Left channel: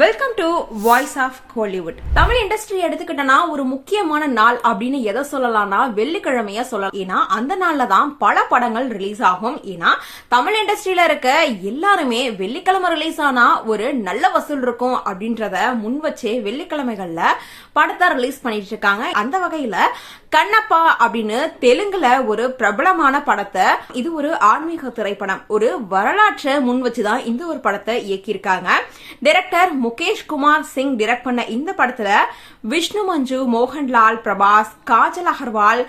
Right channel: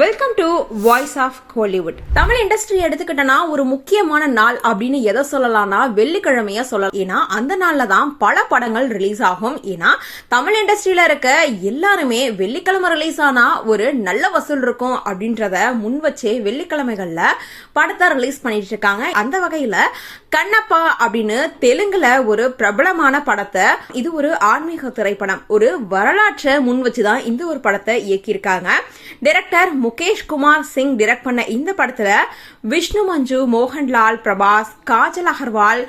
Welcome to Voice of Kollywood. Tamil industry எடுத்துக்கிட்டனா ஒரு முக்கியமான நாள் அப்படின்னு எதை சொல்லலாம்னா வெள்ளிக்கிழமையா சொல்லலாம். ஏன்னா அந்த நாள்ல தான் பல படங்கள் ரிலீஸ் ஆகும். ஏன்னா தமிழ் இண்டஸ்ட்ரியில இருக்க எல்லாருமே வெள்ளிக்கிழமை ரிலீஸ் ஆனா ஒரு நல்ல வசூல் இருக்கும் அப்படின்றத முன் வச்சே வெள்ளிக்கிழமைகள்ல படத்தை ரிலீஸ் பண்ணிட்டு இருக்காங்க. அந்த வகையில கண்ணப்பா அப்படின்னு தெலுங்குல ஒரு பிரபலமான படத்தை, இது ஒரு ஆன்மீக திரைப்படம், ஒரு வரலாற்றை முன் வச்சுதான் இந்த ஒரு படத்தை இயக்கியிருக்காங்க. டைரக்டர் முகேஷ் குமார் சிங் டைரக்ட் பண்ண இந்த படத்துல விஷ்ணு மஞ்சு, மோகன்லால், பிரபாஸ், காஜல் அகர்வால்,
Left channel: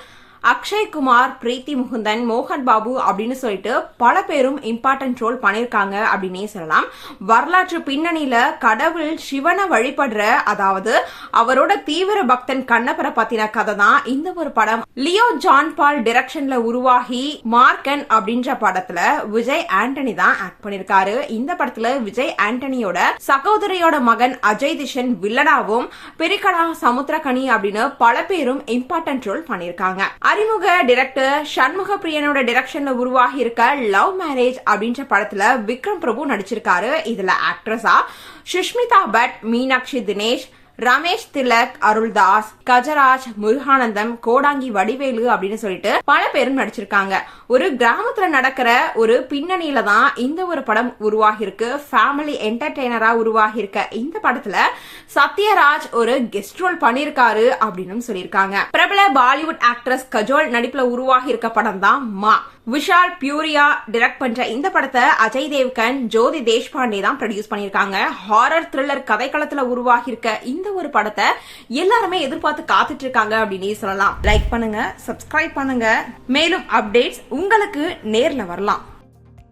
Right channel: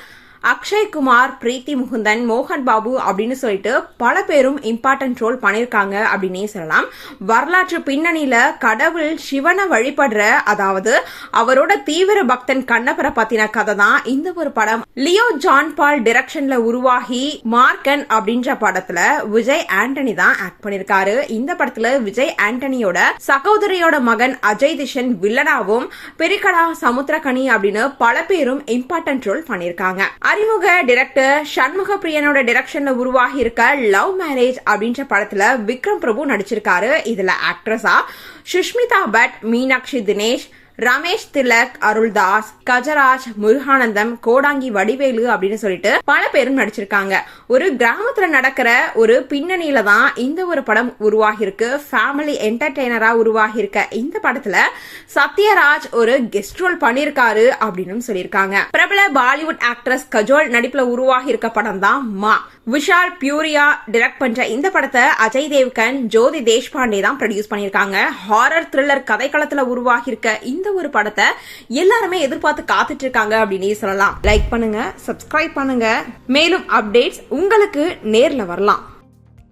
அக்ஷய் குமார், பிரீத்தி முகுந்தன், மோகன் பாபு அப்படின்னு சொல்லிட்டு பல பேரும் இம்பார்ட்டன்ட் ரோல் பண்ணிருக்காங்க அப்படின்னே சொல்லலாம். வரலாற்று பின்னணியில கடவுள் சிவனை வழிபடுற, அதாவது அவரோட தீவிர பக்தன் கண்ணப்பரை பத்தின கதை தான் இந்த ஒரு படம். லியோ ஜான் பால் டைரக்ஷன்ல உருவாகி மார்க்கன் அப்படின்ற படத்துல விஜய் ஆண்டனி தான் ஆக்ட் பண்ணிருக்காரு. இந்த படத்துல விஜய் ஆண்டனியோட சகோதரியோட மகன் அஜய் திஷன் வில்லனாவும், பெரிகடா சமுத்திரகனி அப்படின்னு பல பேரும் இம்பார்ட்டன்ட் ரோல் பண்ணிருக்காங்க. அறிமுக டைரக்டர் சண்முக பிரியனோட டைரக்ஷன்ல உருவாகி இருக்க லவ் மேரேஜ் அப்படின்ற படத்துல விக்ரம் பிரபு நடிச்சிருக்காரு. இதுல ஆக்ட்ரஸா சுஷ்மிதா பட், மீனாட்சி தினேஷ், ரமேஷ் திலக், அருள்தாஸ், கஜராஜ், முருகானந்தம், கோடாங்கி வடிவேலு அப்படின்னு சொல்லிட்டு பல பேரும் நடிச்சிருக்காங்க. ஒரு கிராமத்துல நடக்கிற ஒரு பின்னணியில தான் இந்த ஒரு படம் உருவாகி இருக்கு. ஃபேமிலி என்டர்டெய்னரா உருவாகி இருக்க இந்த படத்துல சத்யராஜ் ஒரு கெஸ்ட் ரோல் பண்ணிருக்காரு அப்படின்னு சொல்லியிருக்காங்க. பிரபல பாலிவுட் ஆக்ட்ரஸ் கஜோல் நடிப்புல உருவாகி இருக்க படம் தான் மா. விஷால் பியூரியா டைரக்ட் பண்ற இந்த படத்தை அஜய் தேவ்கன், ஜோதி தேஷ்பாண்டே தான் ப்ரொடியூஸ் பண்ணிருக்காங்க. ஹாரர் த்ரில்லர் கதைக்களத்துல உருவாகி இருக்க இந்த ஒரு படத்தை எல்லாருமே எதிர்பார்த்து காத்துட்டு இருக்காங்க அப்படின்னு சொல்லலாம். லைக் பண்ணுங்க, சப்ஸ்கிரைப் பண்ணுங்க. மேலும் அப்டேட்ஸ் உங்களுக்கு நேர்ல வரலாம்.